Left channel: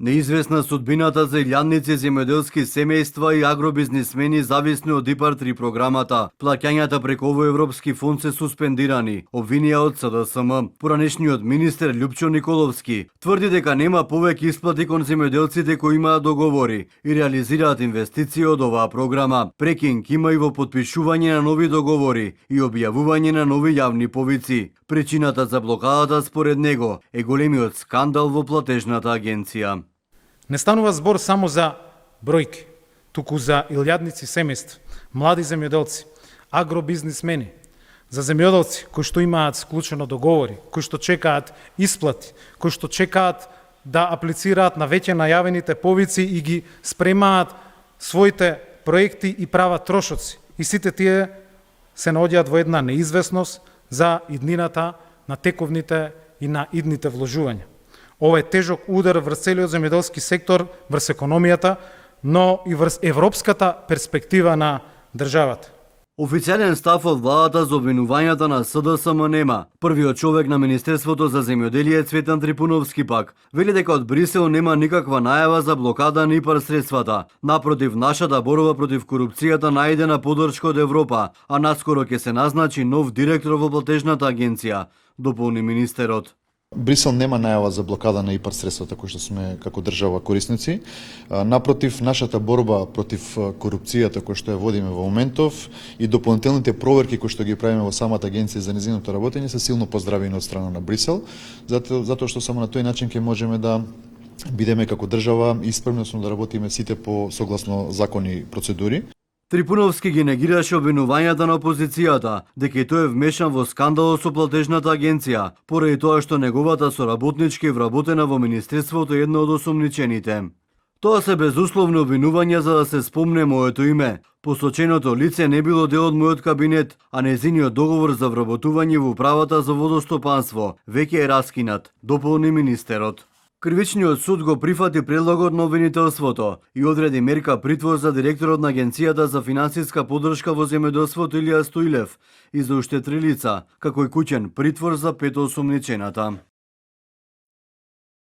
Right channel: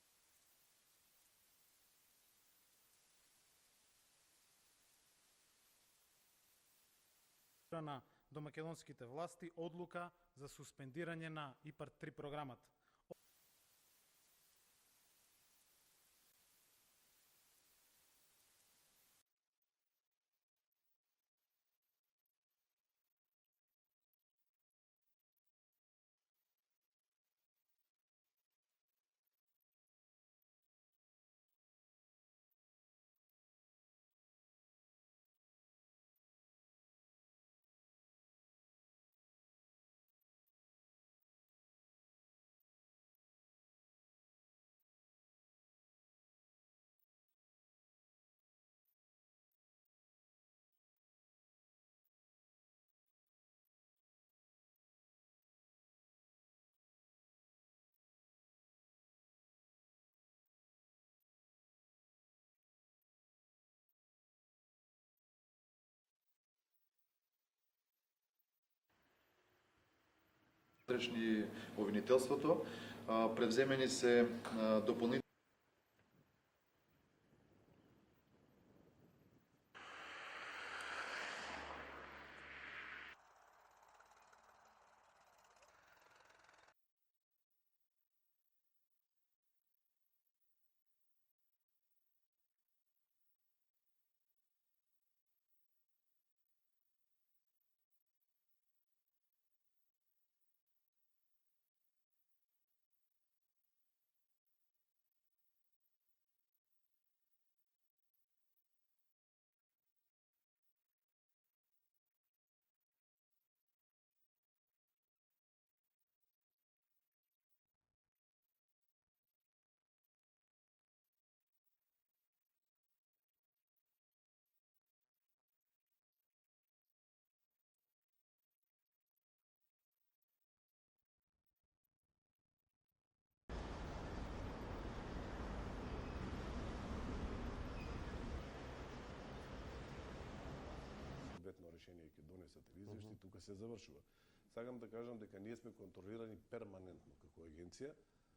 Неизвестна судбината за илјадници земјоделски семејства и агробизнисмени зависни од ИПАР-3 програмата. Плаќањата преку овој европски фонд се суспендирани, обвинија од СДСМ. Поранешниот министер Љупчо Николовски тврди дека нема повеќе исплати кон земјоделците кои имаат договори и реализираат инвестиции од оваа програма. Прекинг има и во потпишување на нови договори и објавување на нови јавни повици. Причината за блокадата според него е големиот скандал во платежната агенција. Не станува збор само за бројки, туку за илјадници семејства, млади земјоделци, агробизнисмени, за земјоделци кои што имаат склучено договори, кои што чекаат исплати, кои што чекаат да аплицираат на веќе најавените повици и ги спремаат своите проекти и прават трошоци. И сите тие се наоѓаат во една неизвестност за иднината на тековните и на идните вложувања. Ова е тежок удар врз целиот земјоделски сектор, врз економијата, но и врз европската перспектива на државата. Официјален став од владата за обвинувањата на СДСМ нема. Првиот човек на Министерството за земјоделие Цветан Трипуновски пак вели дека од Брисел нема никаква најава за блокада на ИПАР средствата. Напротив, нашата борба против корупцијата најдена поддршка од Европа, а наскоро ќе се назначи нов директор во платежната агенција, дополни министерот. Брисел нема најава за блокада на ИПАР средствата кои што сме како држава корисници. Напротив, нашата борба против корупцијата која што ја водиме во моментов и дополнителните проверки кои што ги правиме во самата агенција за нејзиното работење се силно поздравени од страна на Брисел, затоа што само на тој начин ќе можеме да бидеме како држава исправно да работиме сите по согласно закони и процедури. Трипуновски ги негираше обвинувањата на опозицијата дека и тој е вмешан во скандалот со платежната агенција, поради тоа што неговата соработничка е вработена во Министерството една од осомничените. Тоа се безусловни обвинувања за да се спомне моето име. Посоченото лице не било дел од мојот кабинет, а нејзиниот договор за вработување во управата за водостопанство веќе е раскинат, дополни министерот. Кривичниот суд го прифати предлогот на обвинителството и одреди мерка притвор за директорот на Агенцијата за финансиска поддршка во земјоделството Илија Стоилев и за уште 3 лица, како и куќен притвор за 5 осомничената.